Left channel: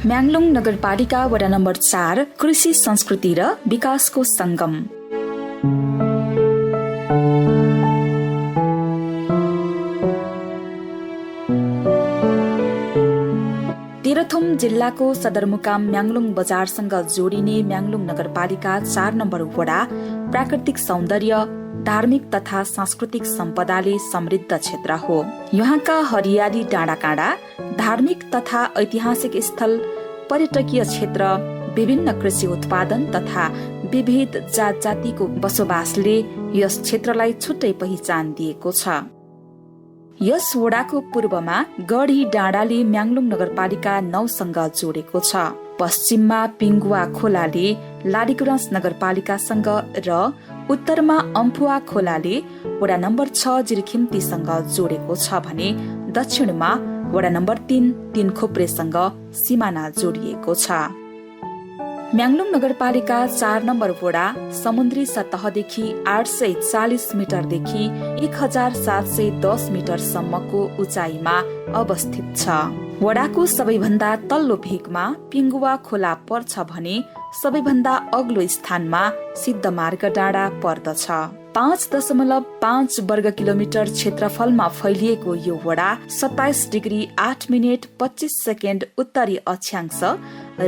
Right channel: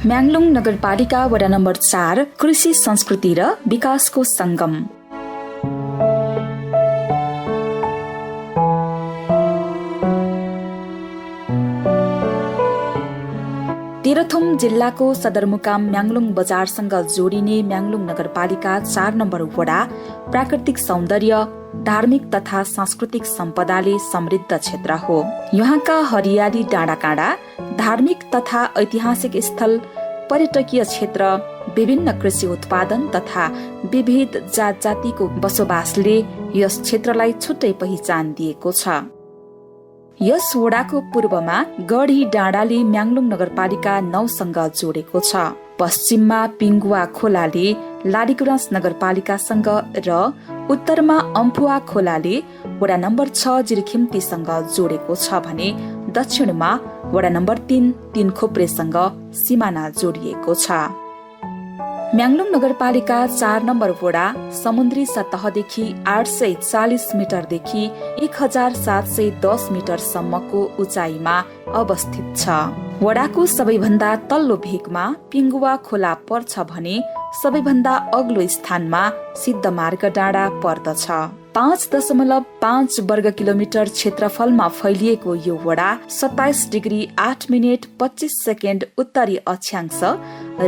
म्याङलुङ नगरपालिका वडा नम्बर 4 कृषि संस्कृति र विकासको संगम। तेह्रथुम जिल्लाको सदरमुकाम म्याङलुङ बजारसँग जोडिने म्याङलुङ नगरपालिका 4 नम्बर वडा प्राकृतिक सौन्दर्य, धार्मिक तथा सांस्कृतिक सम्पदाले समृद्ध क्षेत्र हो। यहाँका हरियाली डाँडाकाँडा, धार्मिक तथा ऐतिहासिक स्थल, पर्यटकीय क्षेत्र, विभिन्न कृषि उत्पादन तथा विविध जात जातिको बसोबासले यस क्षेत्रलाई छुट्टै पहिचान दिएको छ। यस वडाको पूर्वमा गढी डाँडाले म्याङलुङ नगरपालिका 9 सँग जोडेको छ। पश्चिममा पिङ्गुवा खोलाले लाडीगुराँस नगरपालिकासँग र उत्तरमा अम्फुवा खोलाले वडा नम्बर 6 जिरखिम्तीसँग जोडेको छ भने दक्षिणमा वडा नम्बर 3 तीनखोप्रेसँग सिमाना जोडिएको छ। म्याङलुङ नगरपालिका 4 नम्बर वडा समुद्री सतहदेखि 840 मिटरदेखि 1710 मिटरसम्मको उचाइमा अवस्थित छ। वडाको सबैभन्दा तल्लो भेगमा पिङ्गुवा खोला पर्छ भने सबैभन्दा अग्लो स्थानमा सिद्धमार्ग डाँडा पर्दछ। 5.5 वर्ग किलोमिटर क्षेत्रफलमा फैलिएको यो वडा 27 डिग्री 8 मिनेट 25 सेकेन्ड उत्तरी अक्षांश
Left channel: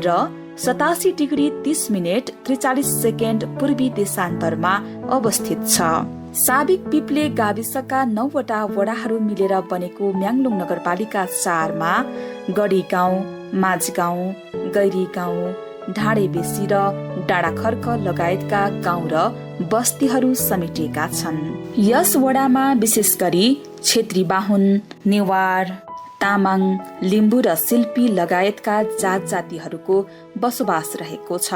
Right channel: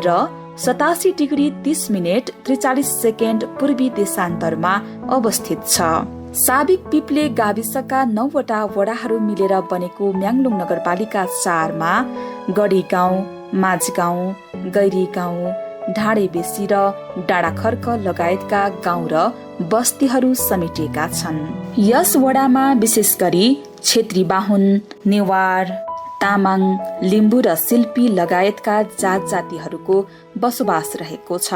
र 87 डिग्री 30 मिनेट 43 सेकेन्ड पूर्वी देशान्तरमा अवस्थित छ। साबिक पिप्ले गाविसका 9 वटा वडाहरू मिलेर बनेको म्याङलुङ नगरपालिका 4 मा गढी गाउँ, माझगाउँ, गैरी गाउँ, ढाडे बेसी र डाँडाखर्क लगायतका गाउँ र बस्तीहरू समेटिएका छन्। यस वडामा विशेष गरी क्षेत्री बाहुन, नेवार, तामाङ, लिम्बू र शिल्पी लगायतका जात जातिहरूको बसोबास रहेको छ।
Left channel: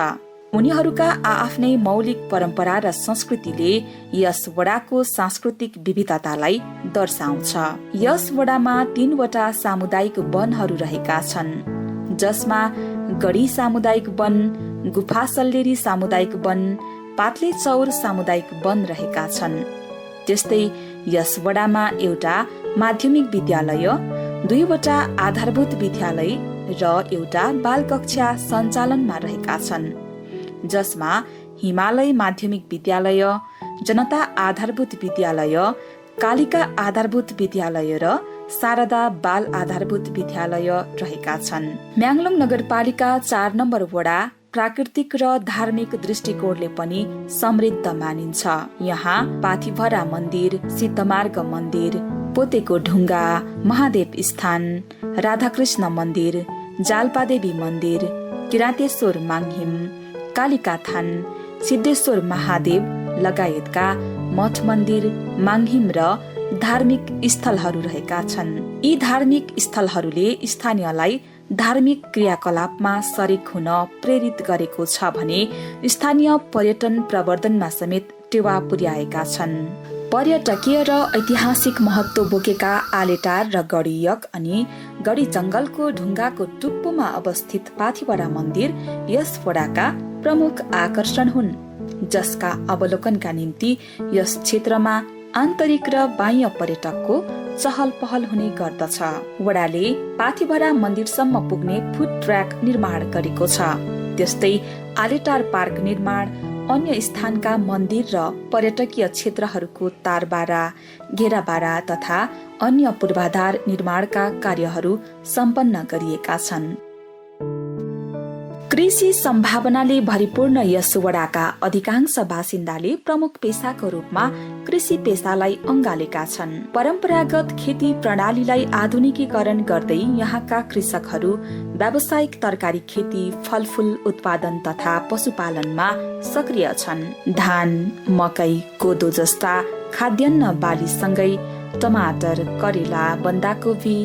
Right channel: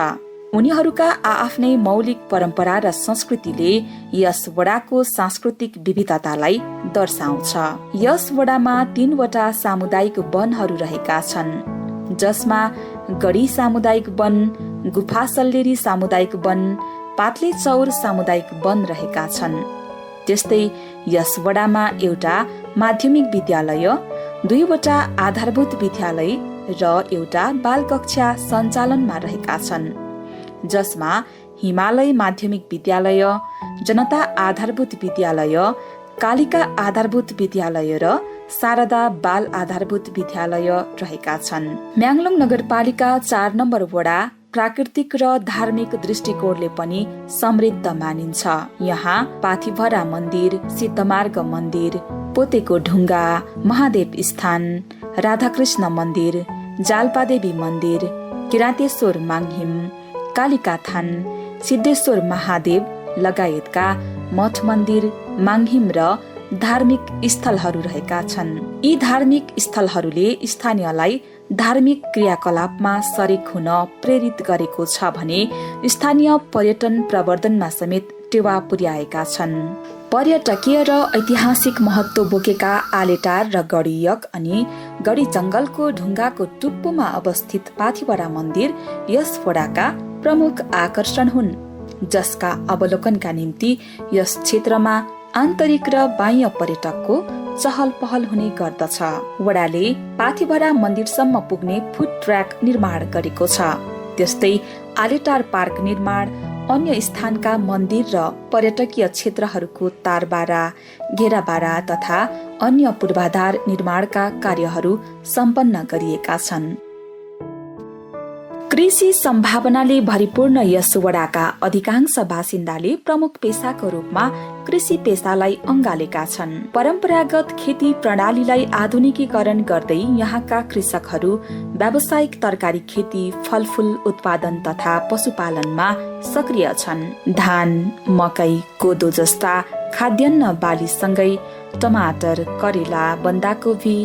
उनीहरूका आआफ्नै मौलिक परम्परा र संस्कृतिले यस वडाको सांस्कृतिक विविधतालाई दर्शाउँछ। यस वडामा 3 वटा सामुदायिक वनहरू रहेका छन्, जसमा गढी सामुदायिक वन, गुफा सल्लेरी सामुदायिक वन, पातले चौर सामुदायिक वन रहेका छन्। त्यस्तै यस वडामा एउटा माध्यमिक विद्यालय, 2 वटा आधारभूत विद्यालय र एउटा बाल कक्षा सञ्चालनमा रहेका छन्, जसमा हिमालय माध्यमिक विद्यालय, जनता आधारभूत विद्यालय, कालिका आधारभूत विद्यालय र शारदा बाल आधारभूत विद्यालय रहेका छन्। म्याङलुङ नगरपालिका 4 नम्बर वडा प्राकृतिक र धार्मिक दृष्टिकोणले पनि समृद्ध मानिन्छ। यहाँ पाथिभरा मन्दिर, सिद्धमार्ग मन्दिर, पोतेको ढुङ्गा, महादेव स्थान, राधाकृष्ण मन्दिर, जालपादेवी मन्दिर, किरातेश्वर माङहिम, कालिका थान, सिद्धेश्वर महादेव लगायतका मठ मन्दिर, माङहिम र धार्मिक स्थलहरू रहेका छन्। यी धार्मिक स्थलहरूले स्थानीयलाई धार्मिक क्रियाकलापमा सरिक हुन प्रेरित गरेको छ भने स्थानीय पर्यटन प्रवर्धनमा समेत टेवा पुर्याएका छन्। पर्यटकीय र ऐतिहासिक महत्त्व बोकेका आलेटार र गढीयक अनि गढी जंगलको ढुङ्गाको टुप्पोमा अवस्थित पाथिभरा मन्दिर यस वडाका प्रमुख आकर्षण हुन्, जसका अवलोकनका निम्ति यस क्षेत्रमा आन्तरिक र बाह्य पर्यटकको चहल पहल हुने गर्दछ। वडाले पाथिभरा मन्दिरसम्म पुग्ने फुट ट्र्याक निर्माण गरेको छ। त्यस्तै आलेटार पार्क निर्माण, अन्य स्थानका मन्दिर र पर्यटकीय क्षेत्रहरूको तारबारा, घेराबारा तथा अन्य पूर्वाधार निर्माणका कार्यहरू सम्पन्न गरिएका छन्। कृषि सम्भावनाले भरिपूर्ण यस वडाका अधिकांश बासिन्दाले प्रमुख पेसाको रूपमा कृषि पेसालाई अँगालेका छन्। परम्परागत खेती प्रणालीलाई आधुनिकीकरण गर्दै यहाँका कृषकहरू व्यावसायिक तरकारी खेती, फलफूल उत्पादन तथा पशुपालनमा सक्रिय छन्। धान, मकै, कोदो जस्ता खाद्यान्न बालीसँगै टमाटर, करेला, बन्दाकोपी,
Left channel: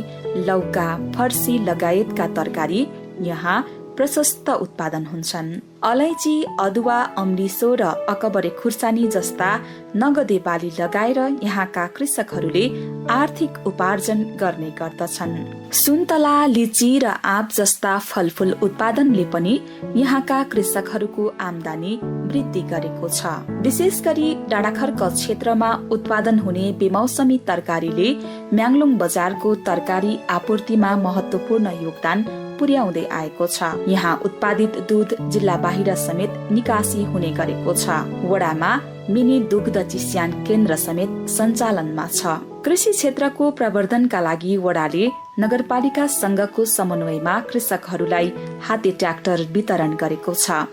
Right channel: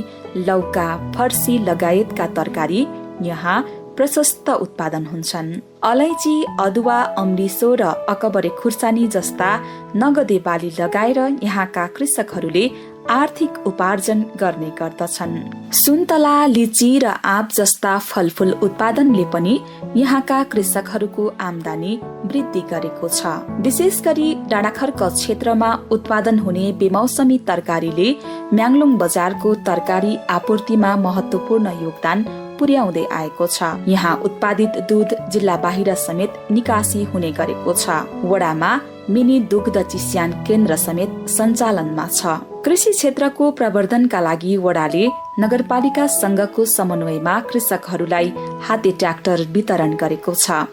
लौका, फर्सी लगायतका तरकारी यहाँ प्रशस्त उत्पादन हुन्छन्। अलैँची, अदुवा, अम्लिसो र अकबरे खुर्सानी जस्ता नगदे बाली लगाएर यहाँका कृषकहरूले आर्थिक उपार्जन गर्ने गर्दछन्। सुन्तला, लिची र आँप जस्ता फलफूल उत्पादनले पनि यहाँका कृषकहरूको आमदानी वृद्धि गरेको छ। विशेष गरी डाँडाखर्क क्षेत्रमा उत्पादन हुने बेमौसमी तरकारीले म्याङलुङ बजारको तरकारी आपूर्तिमा महत्वपूर्ण योगदान पुर्याउँदै आएको छ। यहाँ उत्पादित दूध जिल्ला बाहिर समेत निकासी हुने गरेको छ। वडामा मिनी दुग्ध चिस्यान केन्द्र समेत सञ्चालनमा छ। कृषि क्षेत्रको प्रवर्धनका लागि वडाले नगरपालिका संघको समन्वयमा कृषकहरूलाई हाते ट्र्याक्टर वितरण गरेको छ।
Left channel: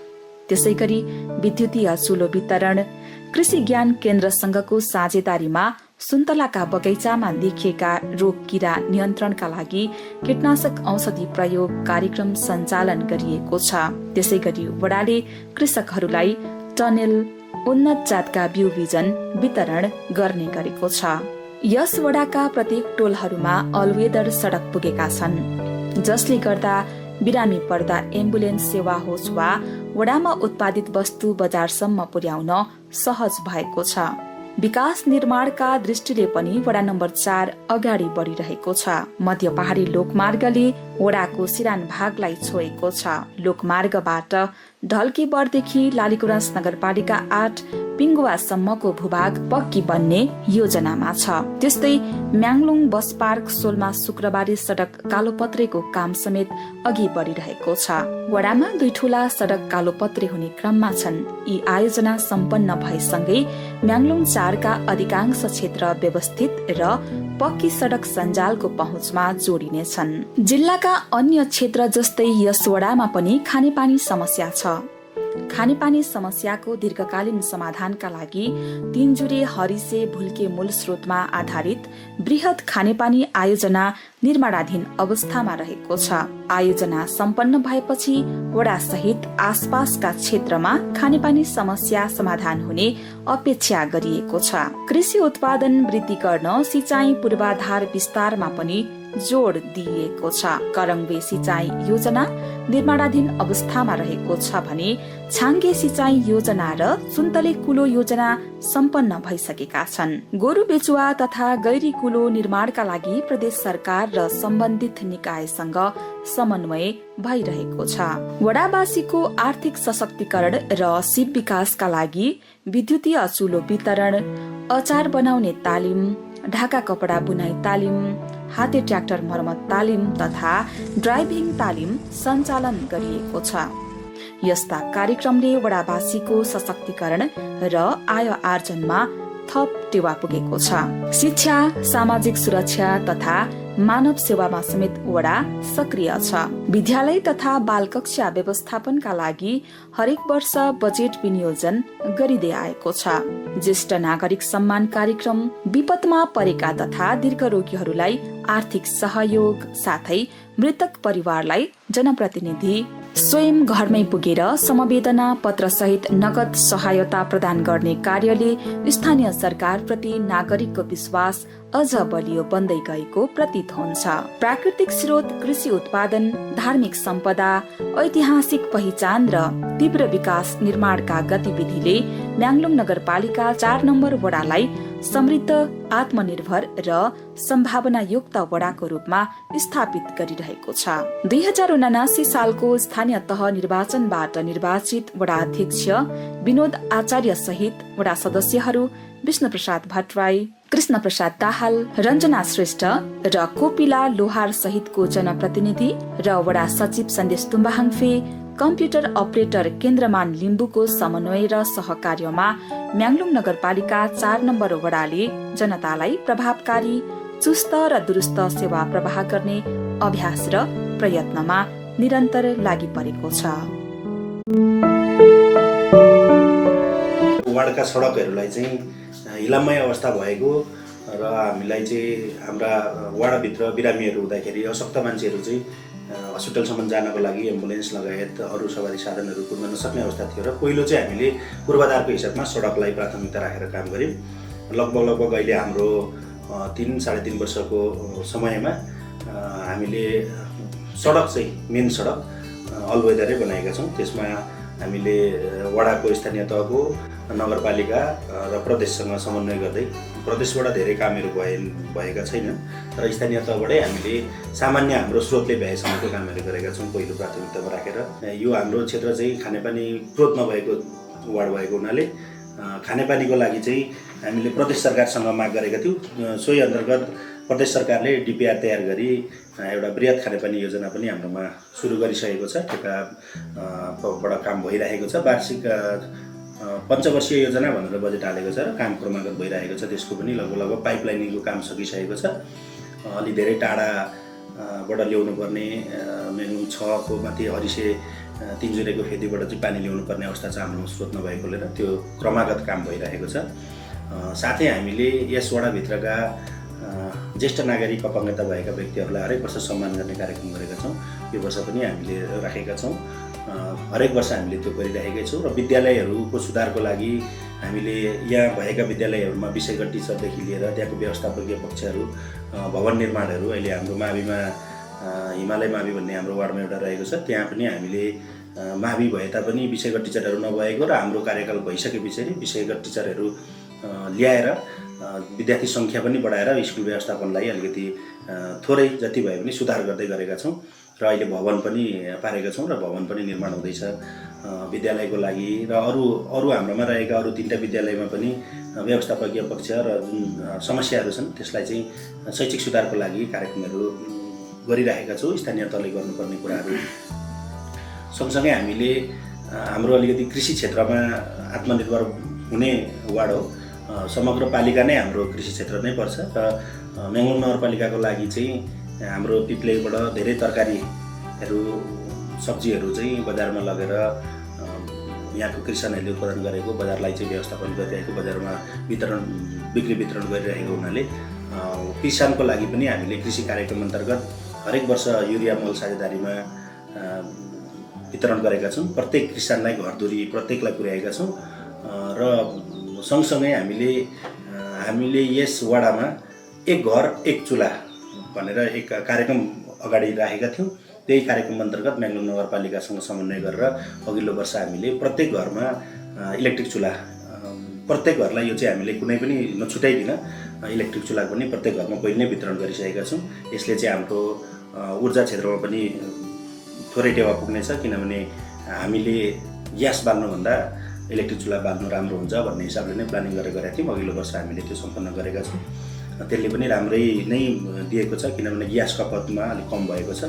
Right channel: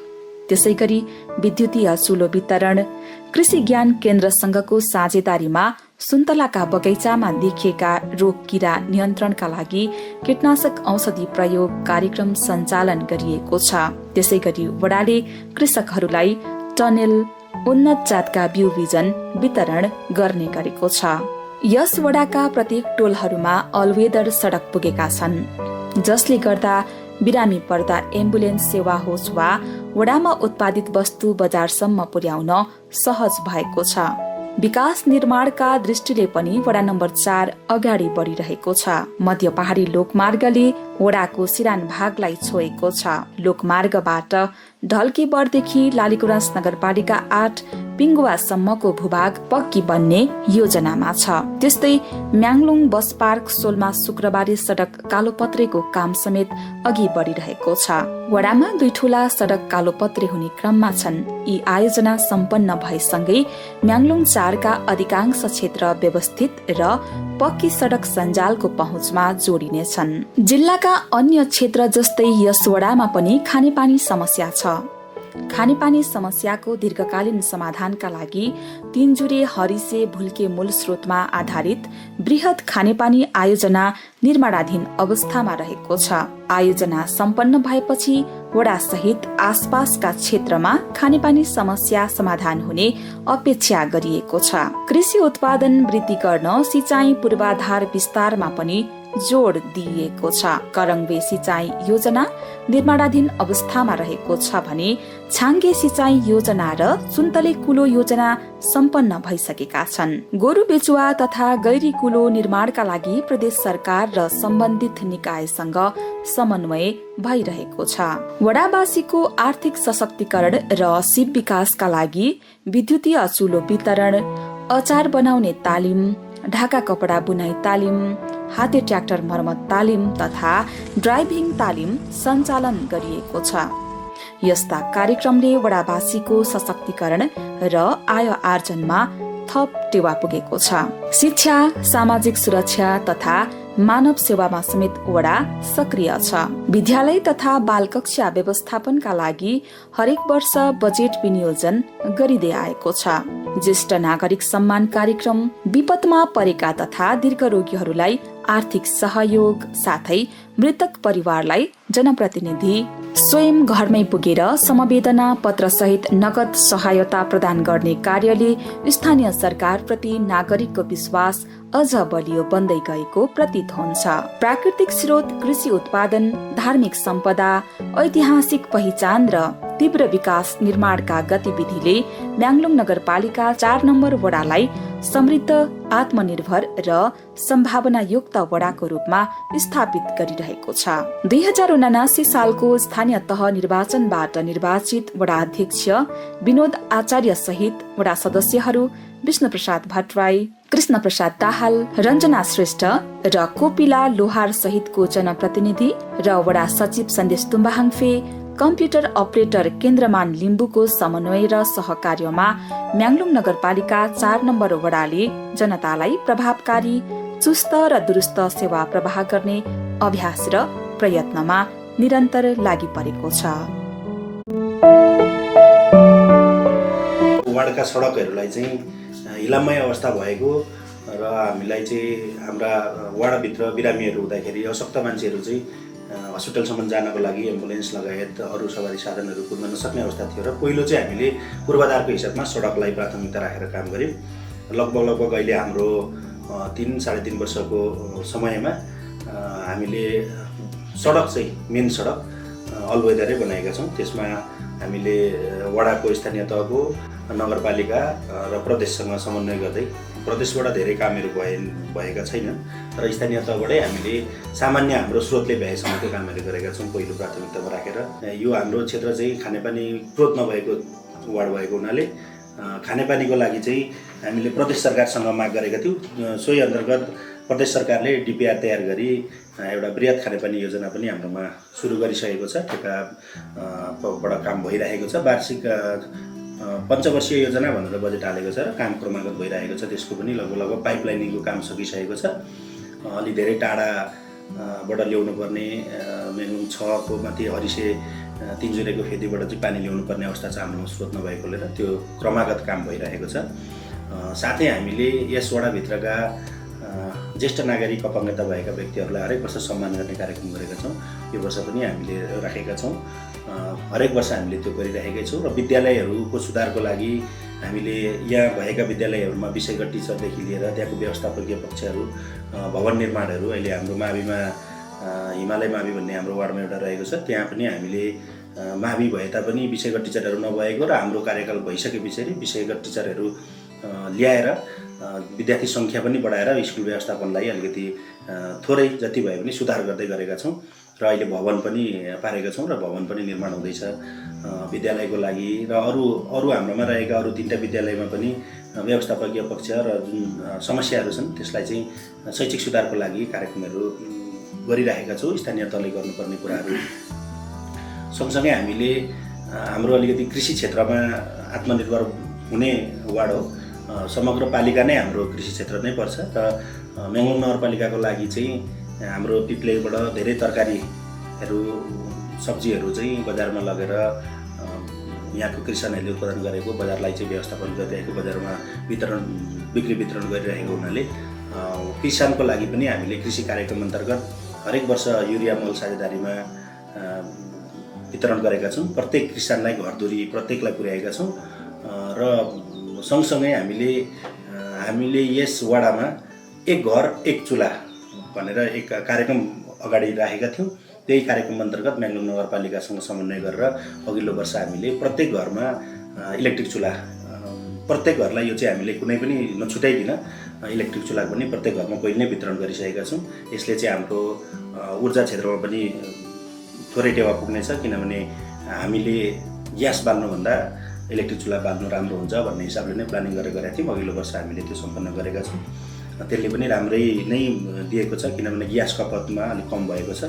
त्यसै गरी विद्युतीय चुलो वितरण, कृषि ज्ञान केन्द्र संघको साझेदारीमा सुन्तलाका बगैँचामा देखिएका रोग किरा नियन्त्रणका लागि कीटनाशक औषधि प्रयोग कार्यक्रम सञ्चालन गरिएको छ। त्यसै गरी वडाले कृषकहरूलाई टनेल, उन्नत जातका बिउ बिजन वितरण गर्ने गरेको छ। यस वडाका प्रत्येक टोलहरूमा अलवेदर सडक पुगेका छन्, जसले गर्दा बिरामी पर्दा एम्बुलेन्स सेवा होस् वा वडामा उत्पादित वस्तु बजारसम्म पुर्याउन सहज भएको छ। विकास निर्माणका दृष्टिले पनि वडा नम्बर 4 अगाडि बढिरहेको छ। मध्य पहाडी लोकमार्गले वडाको सिरान भागलाई छोएको छ। लोकमार्गबाट ढल्केबरदेखि लालीगुराँस नगरपालिका 8 पिङ्गुवासम्मको भूभाग पक्की बन्ने योजनामा छ। त्यस्तै म्याङलुङ बस पार्क सोलमा शुक्रबारे सडक कालोपत्रेको काम समेत अघि बढिरहेको छ। वडामा 2 ठूला सडक कालोपत्रे हुने क्रममा छन्। यी आयोजना सम्पन्न भएसँगै म्याङलुङ 4 का अधिकांश क्षेत्र व्यवस्थित र पक्की सडक सञ्जालको पहुँचमा जोडिनेछन्। जिल्लाका अन्य क्षेत्र जस्तै यस वडामा पनि खानेपानी समस्या छ। खानेपानी समस्याको दीर्घकालीन समाधानका लागि 3 जुरे हरिसे भुल्के मूल स्रोतमा आधारित बृहत खानेपानी आयोजना निर्माणाधीन अवस्थामा रहेको छ। आयोजना सम्पन्न भएपछि वडा सहित आसपासका क्षेत्रमा खानेपानी समस्या समाधान हुने अपेक्षा गरिएको छ। कृषि उत्पादन वृद्धि गर्न सिंचाई पूर्वाधार विस्तारमा पनि जोड दिइएको छ। करङ्बे सिंचाई योजना निर्माणाधीन अवस्थामा रहेको छ भने छाङ्गे सिंचाई योजना र सुन्तले कुलो योजना सम्पन्न भइसकेका छन्। गोरु बेचुवा तथा गैरी कुलो निर्माणका लागि प्रदेश सरकार र सम्बन्धित निकायसँग समन्वय भइरहेको छ। वडावासीको आर्थिक सशक्तिकरण र सिप विकासका लागि विद्युतीय चुलो वितरण, अचार बनाउने तालिम, ढाका कपडा बुनाई तालिम, हाते ट्र्याक्टर मर्मत तालिम तथा ड्राइभिङ तालिम सञ्चालन गरिएको छ। यस्ता कार्यक्रमले वडावासीको सशक्तिकरण र आय आर्जनमा थप टेवा पुगेको छ। शिक्षा, सामाजिक सुरक्षा तथा मानव सेवामा समेत वडा सक्रिय छ। विद्यालय तथा बाल कक्षा व्यवस्थापनका लागि हरेक वर्ष बजेट विनियोजन गरिँदै आएको छ। ज्येष्ठ नागरिक सम्मान कार्यक्रम, विपदमा परेका तथा दीर्घरोगीहरूलाई आर्थिक सहयोग साथै मृतक परिवारलाई जनप्रतिनिधि स्वयं घरमै पुगेर समवेदना पत्र सहित नगद सहायता प्रदान गर्ने कार्यले स्थानीय सरकार प्रति नागरिकको विश्वास अझ बलियो बन्दै गएको प्रतीत हुन्छ। प्राकृतिक स्रोत, कृषि उत्पादन, धार्मिक सम्पदा, ऐतिहासिक पहिचान र तीव्र विकास निर्माणका गतिविधिले म्याङलुङ नगरपालिका 4 नम्बर वडालाई समृद्ध, आत्मनिर्भर र सम्भावनायुक्त वडाको रूपमा स्थापित गरिरहेको छ। 2079 सालको स्थानीय तह निर्वाचनबाट निर्वाचित वडा अध्यक्ष विनोद आचार्य सहित वडा सदस्यहरू विष्णु प्रसाद भट्टराई, कृष्ण प्रसाद दाहाल, रञ्जना श्रेष्ठ र कोपिला लोहार सहितको जनप्रतिनिधि र वडा सचिव सन्देश तुम्बाहाङफे, कम्प्युटर अपरेटर केन्द्रमान लिम्बुको समन्वय र सहकार्यमा म्याङलुङ नगरपालिका 4 नम्बर वडाले जनतालाई प्रभावकारी, चुस्त र दुरुस्त सेवा प्रवाह गर्ने अभ्यास र प्रयत्नमा निरन्तर लागि परेको छ। वार्डका सडकहरूलाई चाहिँ हिलामय अवस्था भएको र हामीलाई चाहिँ हाम्रा वार्डभित्र बिरामीहरू हुँदाखेरि अशक्त मान्छेहरू चाहिँ हस्पिटलसम्म जानको लागि एम्बुलेन्स लगायत अरू सवारी साधनहरू कुद्न नसक्ने अवस्था थियो र पहिलो चाहिँ हामीले पूर्वाधारको हिसाबमा सडकलाई प्राथमिकता राखेर काम गऱ्यौँ। लगभग अहिले हाम्रो 3-3.5 वर्षको समयमा हामीले सडक चाहिँ मेन सडक अलवेदरै बनाएका छौँ। त्यसमा हामीले वडाको स्थानीय तहको, नगरपालिका र प्रदेशसँग समन्वय गर्दै, प्रदेशबाट धेरै कामहरू भएका छैनन् र स्थानीय तहबाटै हामीले सामान्य हाम्रो स्रोतले भ्याएसम्मको कामहरू गरेका छौँ पहिलो प्राथमिकतामा राखेर। यो हाम्रो क्षेत्र चाहिँ खानेपानी स्रोत नभएको वार्ड भएको हुनाले खानेपानीको लागि चाहिँ हामीले प्रदेश सरकारसँग माग गरेका थियौँ। सोही अन्तर्गत प्रदेश सरकारले डिपिआर तयार गरी एउटा बृहत खानेपानी योजना पनि हाम्रोमा सुरु गरिसकेको छ। ठेकाबाट काम भइरहेको छ। वार्षिक पञ्चवर्षीय योजना भनेर बजेट हालेको छ र काम क्रमागत भइरहेको छ। त्यसको पनि लगभग पाइपलाइनिङको काम सकिसकेको छ। अलि धेरै टाढाबाट ल्याउनु पर्ने मेनुङ 6 को माथि हरिसे तिनजुरेको फेदीबाट चाहिँ पानी ल्याउनु पर्ने अवस्था चाहिँ हाम्रोमा स्रोत नभएकोले र त्यो क्रमागत काम भइरहेको छ। साथै हामीले यस वडाभित्रका ज्येष्ठ नागरिक अपाङ्गता भएका व्यक्तिहरूलाई हरेक वर्ष सम्मान गर्ने कार्यक्रम गरेका छौँ। यो वर्ष पनि हामीले राखेका छौँ। हरेक वर्ष हामीले त्यो गरिरहेकै छौँ र विद्यालयहरूको सुधारको लागि हामीले यहाँ भएका विद्यालयहरूमा विषयगत टिचरदेखि लिएर त्यहाँको व्यवस्थापकीय पक्षहरू, भवन निर्माणहरू, अहिले हाम्रो माविमा हिमालय मावि भन्ने हाम्रो वार्डमा एउटा रहेको छ, त्यहाँ पनि हामीले मावि भए तापनि विषयगत टिचरहरू नभएको र हाम्रो कार्यकाल भइसके पछाडि विषयगत टिचरहरू ल्याएर विद्यार्थी सङ्ख्या पनि बढाएर स्कुल व्यवस्थापनलाई अलिकति थोरै जति भए पनि सुधार गर्दै गरेका छौँ र अहिले भवन पनि पारेका छौँ र भवन पनि निर्माण हुँदैछ विद्यालयको लागि र अरू हाम्रोमा रहेका अरू 3टा विद्यालयमा पनि व्यवस्थापकीय पक्ष र जुन समस्याहरू छन् त्यसलाई चाहिँ शैक्षिक सुधारको लागि कार्यक्रमहरू गरिरहेका छौँ। स्थानीय तहले गर्नुपर्ने कुराहरू सँगसँगै हामीले हाम्रो अलिकति कृषि क्षेत्रमा आत्मनिर्भर हुने वार्ड हो। समग्र पालिका नै हाम्रो कृषि क्षेत्र नै पर्छ र म्याङ्लुङ नगरपालिकाको लागि चाहिँ हाम्रो पिप्लेबाट धेरै तरकारीहरू सब्जीहरू चाहिँ बजारमा लगेर यहाँको किसानहरूले उत्पादन गरेको बजारलाई चाहिँ व्यवस्थापन गरिरहेको, बजारमा बिक्री वितरण गरिरहेको हुनाले किसानको लागि पनि हामीले कृषि कार्यक्रम अन्तर्गत हरेक वर्ष युरिया मल साझेदारीमा वितरण गरेका छौँ। प्रत्येक किसानलाई घरधुरी प्रत्येकलाई पुर्याएका छौँ र सँगसँगै हामीले यस वडामा एक घर एक चुल्हा भनेर एक कार्यक्रम अगाडि राखेका थियौँ। त्यही कार्यक्रम अन्तर्गत म्याङ्लुङ नगरपालिकासँग समन्वय गरेर अघिल्लो वर्ष हामीले प्रत्येक घरमा इलेक्ट्रिक चुल्हा, प्रत्येक घरलाई यो चाहिँ हामीले कुनै पनि नछुटाइदिन इलेक्ट्रिक चुल्हा पनि प्रत्येक घरमा पहिले नै वितरण गरिसकेका छौँ। यसले चाहिँ हाम्रो ऊर्जा क्षेत्रमा पनि थोरै टेवा पुग्नेछ, किनभने हामीले ग्यास बाल्नुभन्दा इलेक्ट्रिक चुल्हा बाल्नु राम्रो हुन्छ भन्ने हिसाबले नै प्लानिङ गरेर गरेका थियौँ। अघिल्लो वर्ष हामीले त्यो सम्पन्न गरेका छौँ। त्यसले पनि राम्रै नै दिएको छ, किनभने ग्यास खपतमा अलिक कम भएको छ।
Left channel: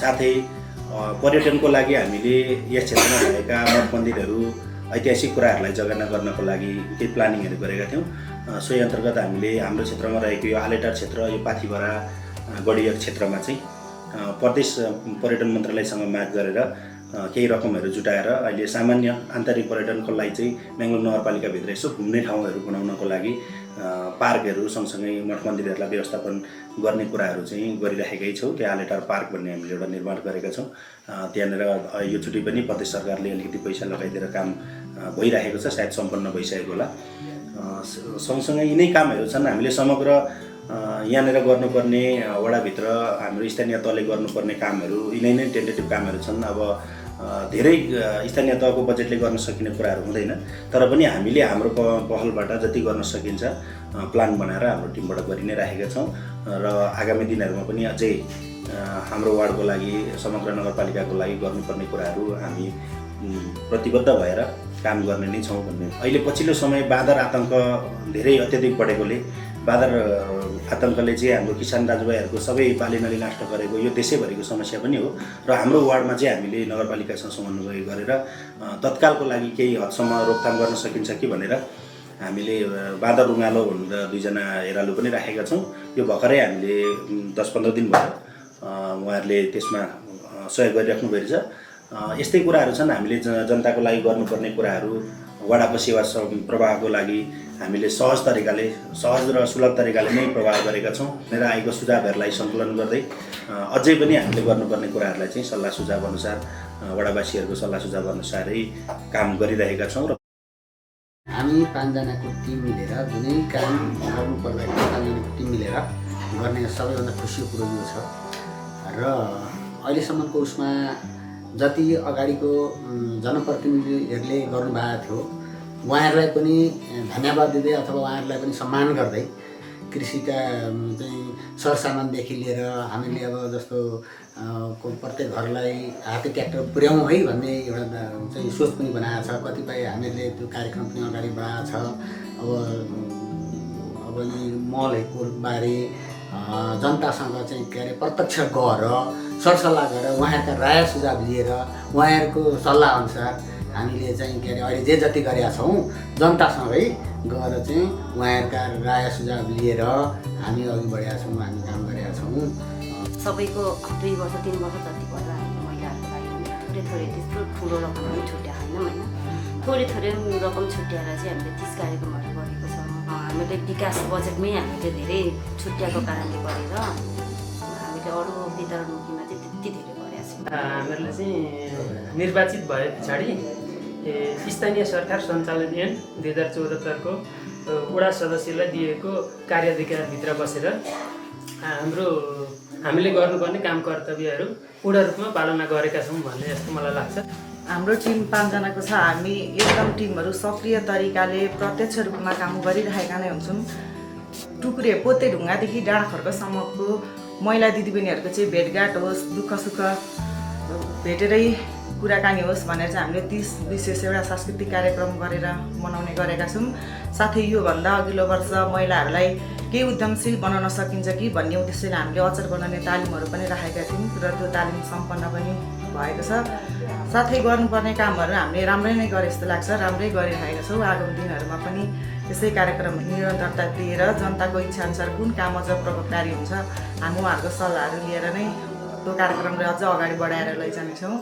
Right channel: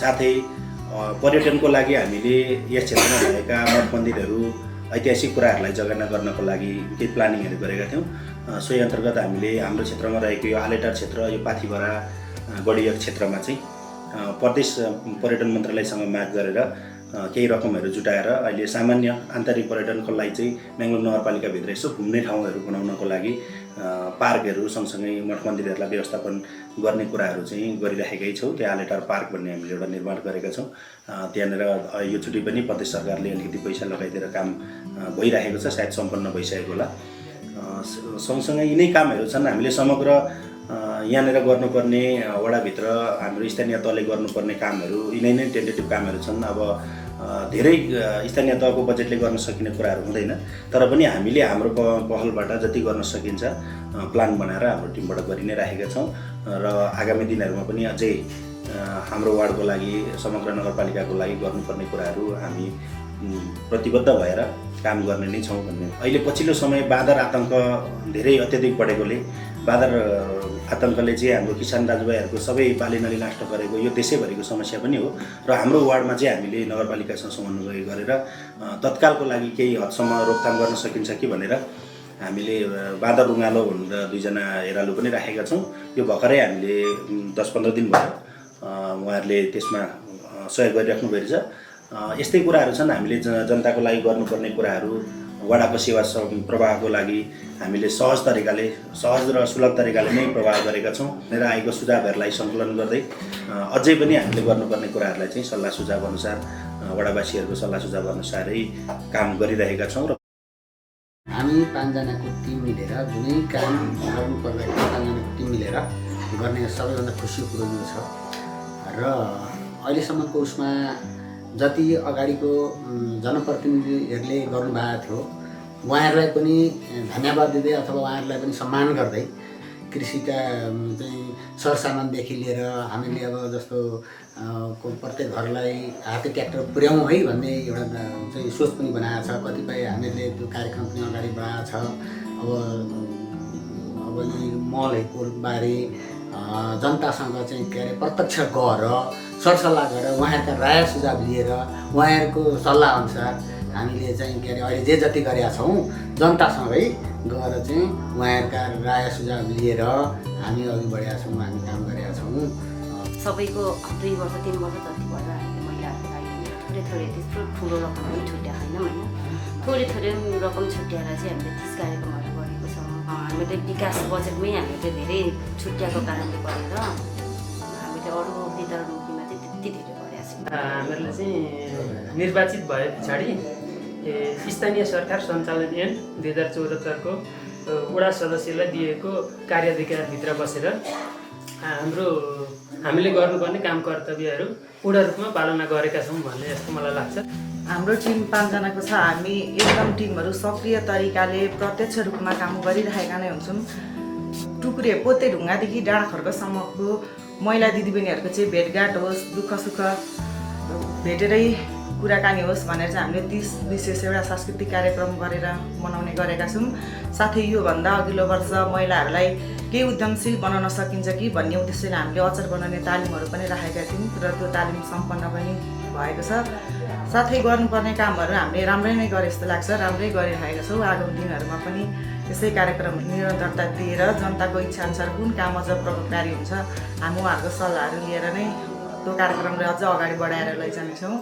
साथै पर्यटनको लागि हामीले यस क्षेत्रमा भएका मठ मन्दिरहरू, ऐतिहासिक कुराहरूलाई जगेर्ना गर्नको लागि केही प्लानिङहरू गरेका थियौँ। सोही अन्तर्गत हामीले हाम्रो क्षेत्रमा रहेको यो आलेटार क्षेत्र, यो पाथिभरा गढिया क्षेत्रमा चाहिँ प्रदेश पर्यटन मन्त्रालयसँग माग गरेर केही रकमहरू जुटाएर अहिले सामान्य आन्तरिक पर्यटनको लागि चाहिँ म्याङ्लुङ नगरपालिकाभित्र यसो घुम्ने ठाउँहरू बनाउनको लागि पार्कहरू सँगसँगै मठ मन्दिरहरूलाई व्यवस्थापन गर्ने कुराहरू चाहिँ गरिराखेकै छौँ। त्यो आलेटार पार्क भन्ने हामीले एउटा निर्माण गरेका छौँ। त्यहाँनिर योचोटि पनि प्रदेश सरकारले अलिकति पैसा लगाइदिएर काम भइरहेको छ, सायद सम्पन्न भइसकेको होला। सँगसँगै यिनै कामहरू छन्। हामीले समग्र यहाँनिर गर्नुपर्ने वडाभित्र हाम्रो स्थानीय तहले गर्नुपर्ने कामहरू यिनै नै टेन्टेटिभ कामहरू छन्। अब धेरै स्थानीय तहको बजेटले गर्न सकिने कुराहरू हुँदैन, तर पनि हामीले हाम्रो पहलबाट जति गर्न सकिन्छ प्लान बनाएर हाम्रो टिमबाट गरि नै राखेका छौँ र आगामी दिनहरूमा पनि अझै हाम्रो वार्डको लागि, समग्र नगरपालिकाको लागि गर्नुपर्ने कुराहरू हामी प्रतिबद्ध भएर काम गर्ने नै छौँ भन्ने। अहिले पछिल्लो समय बाँदर आतङ्क धेरै अत्यधिक बढेकोले बाँदर आतङ्कले चाहिँ हाम्रो किसान दाजुभाइहरूको सबै बालीनाली नष्ट गरेको यो देशैभरिको समस्या पनि हो र हाम्रो वार्डमा चाहिँ हामीले नगरपालिकासँग समन्वय गरेर तत्कालको लागि केही हदसम्म रोकथाम गर्न सकिन्छ कि भनेर हामीले बाँदर रुँगालो भनेर 2 जना हेरालु पनि राखेका छौँ। यो भर्खरै हामीले 10-15 दिन भयो उहाँहरूले त्यसमा सहयोग गरिराख्नु भएको छ। यस्तै कुराहरू छन्। हामीले जनताको लागि गर्नुपर्ने कुराहरू, वडाको सेवा प्रवाहको लागि हामीले सहज र सुलभ तरिकाले नै प्रवाह गरेका छौँ र आएको सुझावहरूलाई सङ्कलन गर्दै अझै पनि हामीले गर्नुपर्ने कुराहरूलाई चाहिँ सल्लाह सुझाव अनुसार, वडावासीहरूको सल्लाह सुझाव अनुसारै काम गरिरहेका छौँ। र हामी 5 जनाको टिम मिलेर जुनै काम गर्नु पर्दाखेरि 5 जनाको टिम मिलेर गर्ने सबैभन्दा खुसीको कुरो यो छ र अहिलेसम्मको उसमा जति अगाडिको जनप्रतिनिधिहरूले गर्नुभएको थियो उहाँहरूलाई पनि धन्यवाद दिँदै अथवा उहाँहरूलाई पनि सम्मान गर्दै कृषिका चाहिँ सरसामानदेखि लिएर हामीले अब जस्तो प्रत्येक घरलाई हाते ट्र्याक्टर पुर्याउँ है भन्ने एउटा चाहिँ सोच पनि बनाएको छ। कतिपय हामीहरूले त्यो कार्यक्रम पनि अगाडि बढाएको छ अब यी मलहरूको बारे जनतासँग चाहिँ के अरे प्रत्यक्ष गएर सरसल्लाह गरेर उहाँहरूका राय सुझाव लिएर उहाँहरूको सल्लाहअनुसार हामीले चाहिँ के अरे अहिले जे जति गरेका छौँ जनतासँगै गएर चाहिँ उहाँहरूका राय सुझाव लिएर हामी अघि बढेका छौँ, हामी काम गरेका छौँ। सबैको 2 वर्ष 3 वर्ष जति भयो हामीले महिलाहरूको लागि थोरै त्यस्तो ठुलो रकम पनि छुट्याएको छैनौँ होइन, थोरै रकम छुट्याएर चाहिँ हामीले 30 कार्यक्रमहरू गरेको छौँ। हामीले विकास बजेटमै हामीले धेरै छुट्याएको कारणले गरेर हामीले अरू वितरणमुखीमा चाहिँ त्यति धेरै गरेका छौँ। हामीहरूले चाहिँ निर्वाचित भए पछाडि स्थानीय सरकार सञ्चालन ऐन 2074 को वडा सदस्यलाई दिएको कार्याधिकारभित्र बसेर हामीले गर्नुपर्ने काम कर्तव्यहरू पूर्ण रूपमा पालना गरेका छौँ भन्ने जस्तो मलाई लाग्छ। हाम्रो टिम 5 जनाको छ। हामी एकदम टिमहरू सक्रिय तरिकाले प्रत्यक्ष रूपमा काम गरिरहेका नै हुन्छौँ। टुक्रे पोते ढुङ्गादेखि डाँडा खर्कसम्मको महिला दिदीबहिनीहरूको चाहिँ भेटघाट होस्, दुःख सुख भेटेरै कुराकानी होस् भनेर चाहिँ हामीले 30 विशेष एउटा सांस्कृतिक कार्यक्रम गरेर मनाउने गरेका छौँ। साथै योभन्दा अघिल्लो वर्ष महिलाहरूलाई केही उद्यमशील बनाउन सकिन्छ कि भन्ने उद्देश्यले हामीले अचार बनाउने तालिमहरू पनि राखेका थियौँ र त्यो तालिम सम्पन्न पनि भएको छ। साथै गर्नुपर्ने कामहरू हामीले राम्रै नै गरे जस्तो लाग्छ, राम्रै गरिरहेका छौँ। आगामी दिनहरूमा पनि यसै कार्यक्रम निरन्तरता दिएर जनताको इच्छाअनुसार कुन काम अझ प्रभावकारी हुन्छ हामी उहाँहरूको सल्लाहहरू लिएर नै त्यो कार्यक्रमलाई अझ अगाडि बढाएर लैजानेछौँ।